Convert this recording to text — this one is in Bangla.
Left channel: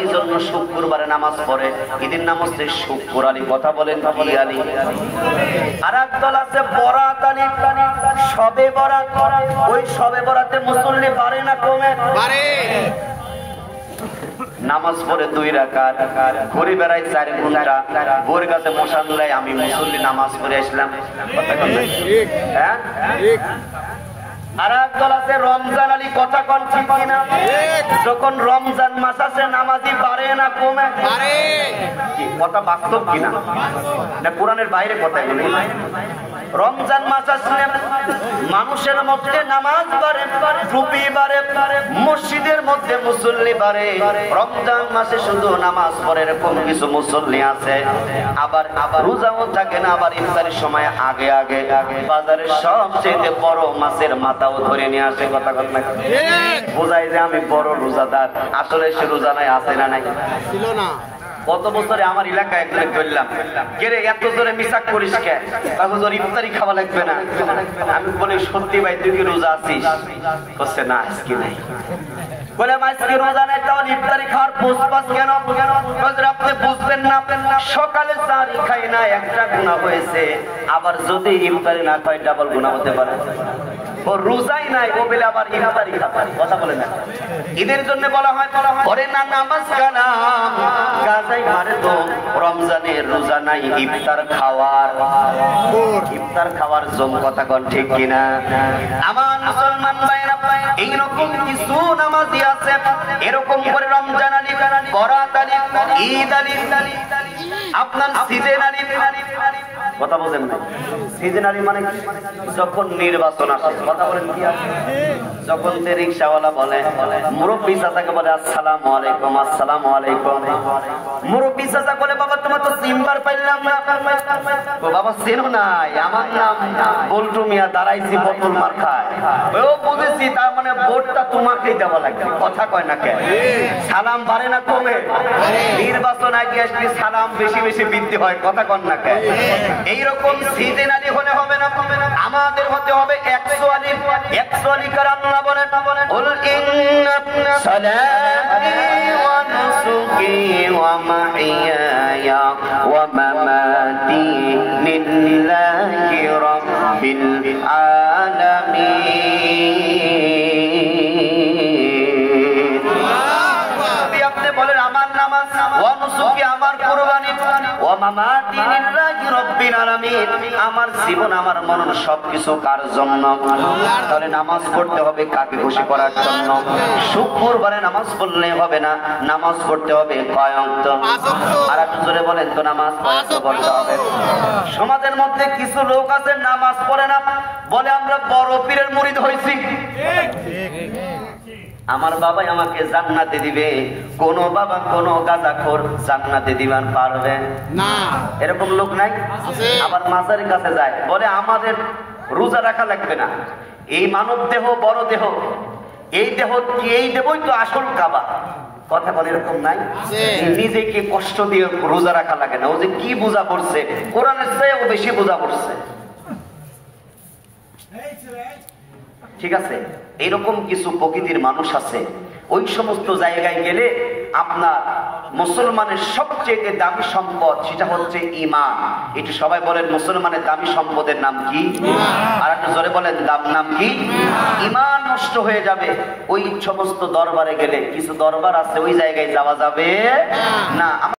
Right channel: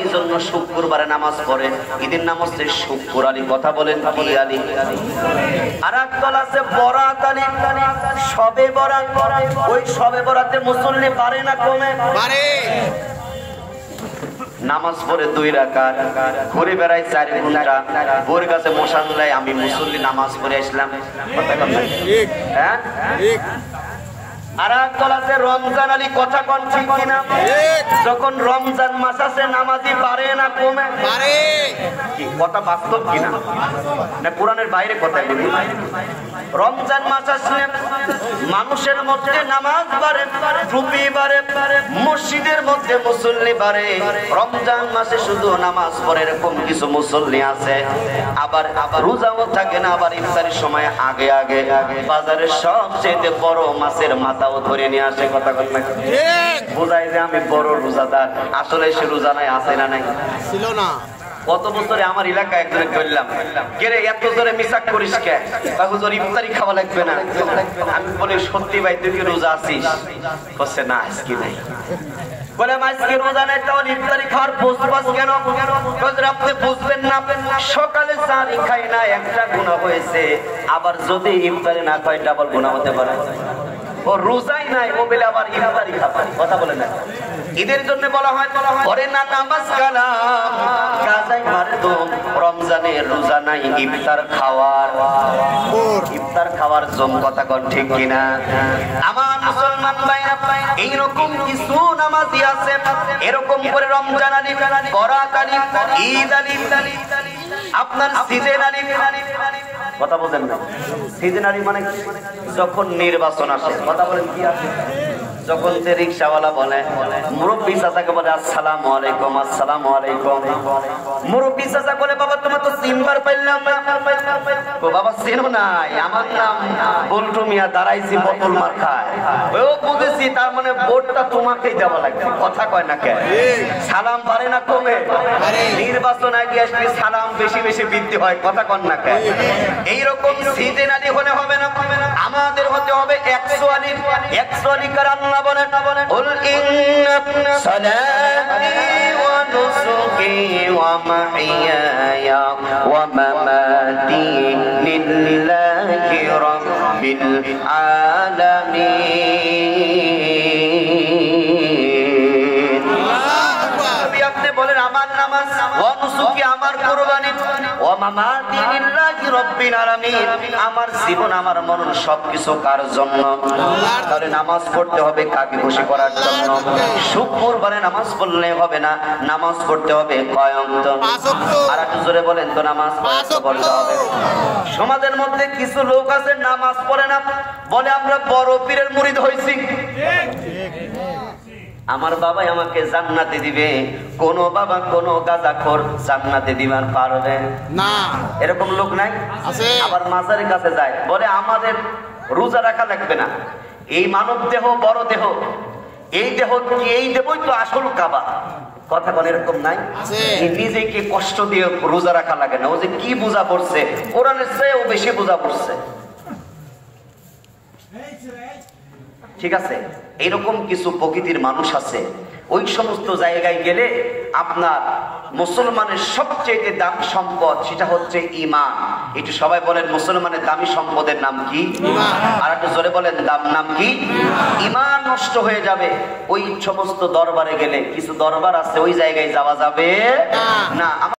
এই জন্য শুক্রবারে নামাজ পড়ে। ঈদের নাম হচ্ছে শুক্র আলী। কথা বলেন কি আলী? আর একদল আছে বরাত আলী, সবে বরাত। ওই সবে বরাতে মুসল্লি বাড়ে না কমে? নামাজ পড়ে 2 রাকাত, ঘুরে বেড়ায় 4 ঘন্টা, বোর কাছে মশান দেয়, আমি মুসল্লি নামাজ পড়ে আসলাম। হ্যাঁ, আর একদল আছে রমজান আলী। কথা কোন ঠিক কিনা? যখন রমজান মাস আসে নামাজি বাড়ে না কমে? কি কথা বাস্তব কিনা না কোরআনের বাইরে কথা? রমজান মাস আসলে মানুষের মধ্যে নামাজ বাড়ে, টুপি বাড়ে, মসজিদের মধ্যে মুসল্লি বাড়ে। রমজান মাসে শুধু নামাজ পড়ে এরকম কিছু মুসল্লি আছে, আবার রোজাও থাকে না, আবার ইফতারের সময় আগে আগে বাজারের সবচেয়ে বড় মাছের মাথাও ধরে নিয়ে আসে। কথা কথা বোঝায় যে আমি বড় রোজাদার, আসলে সে রোজা নাই, আছে না নাই? ছিল না। কত বছরে আমার এলাকায় ধরলাম, কেরে এত জোরে মিসাক করিস কে? হুজুর ইফতারি খাওয়া লাগবে না। আমি বলি সত্যি ভাই তুই কি রোজা আছিস? বলছে না আজকে নাই। বলে আজকে রোজা নাই, তাহলে ইফতারি খাওয়ার বুঝবাস কেন? আপনি বুঝবেন না, সকালে চারি খাই না একটা গুনাহ হয়েছে, আবার যদি ইফতারি না খাই ডাবল গুনাহ হতে পারে। ও রোজাই নাই, ও বলে আবার ইফতারি খাবে। কথা বলে না। ঈদের জন্য বলা হয় পরে না নামাজ কালাম কাজাই মারে তো। রমজানের রোজা নাই, ইফতার খাওয়ার জন্য। কথা কোন ঠিক কিনা? আমার মুসলমান ভাইরা, এইরকম কিছু নামাজি আছে এরকম করে রমজান আলী, বরাত আলী, ঈদ আলী, আপনার সিজন আলী। কথা বোঝেন না? সিজন আলী মানে যখন নির্বাচন আসে। কথা বলেন কি? যখন যে রিক্সাওয়ালা বলে, মুরব্বী চাচাকে বলে আসসালামু আলাইকুম, আসসালামু আলাইকুম। মুরব্বী চাচা বলে বাবা তোমার তো চিনবার পাইলাম না। ও বাবা চেনো নাই, আমার নাম বল্টু মিয়া, দাঁড়াইছি বোতল মার্কায়। ও বুঝেছি, তার মানে ভোটটা তোমাকেই দেওয়া লাগবে। কথা কয় না কেন? সালাম বাড়ে না কমে? নির্বাচন আগে আসলে সালাম বেশি বেশি বৃদ্ধি হয়। কথা কন না কেন? এইরকম সিজন আলী হলে হবে না, আমাদের হতে হবে 100 আলী। 100 আলী কারণ আল্লাহ বলেন কুল ইন্না সালাতি ওয়া নুসুকি ওয়া মাহিয়ায়া ওয়া মামাতি লিল্লাহি রাব্বিল আলামিন। আপনি বলেন আমার নামাজ, ওয়া নুসুকি আমার কুরবানি, ওয়া মামাতি লিল্লাহি রাব্বিল আলামিন, আমার জীবন আমার মরণ সবকিছু কার জন্য? তাহলে নামাজ পড়তে হবে কাকে খুশি করার জন্য? শুক্রবারে নামাজ পড়লে হবে না, নামাজ পড়তে হবে কয় ওয়াক্ত? আর একটু জোরে বলেন তো, নামাজ পড়তে হবে। সমাজের মধ্যে কিছু লোক আছে নামাজ পড়ে না, বলে আমরা বড় পীরের মুরিদ হইছি, আমার বাবাই আমাকে জান্নাতে দিবে। কোন বাবা কোন গাঁজাখোর জান্নাতে দিবার পারবে না, এরকম লোক নাই? আবার মাজারের কাছে যায়, বলে আমাদের রোজা রাখা লাগবে না, এই মানব দেহ বড় দেহ, এই দেহ এই দেবই তো আসল কাবা। কথা বলে এরকম নাই? নিজেকে কষ্ট দিয়ে রোজা রাখা লাগে না। ও যে কি বোঝা পড়ছে, কোরআনের চেয়েও বেশি বোঝা পড়ছে। ঠিক আছে, এরকম কিছু প্রকৃতির মানুষ আছে। ওই সমস্ত জায়গায় গেলে আপনার মুসলমানের সবচেয়ে দামি সম্পদ সেটা হচ্ছে ঈমান। একটু সবাই বলেন মুসলমানের দামি সম্পদের নাম কি? আর একটু জোরে বলেন নাম কি? ঈমান নষ্ট হয়ে যাবে ওই সমস্ত দরবারে গেলে। কিছু দরবার আছে ওই জায়গায় যাওয়া যাবে না।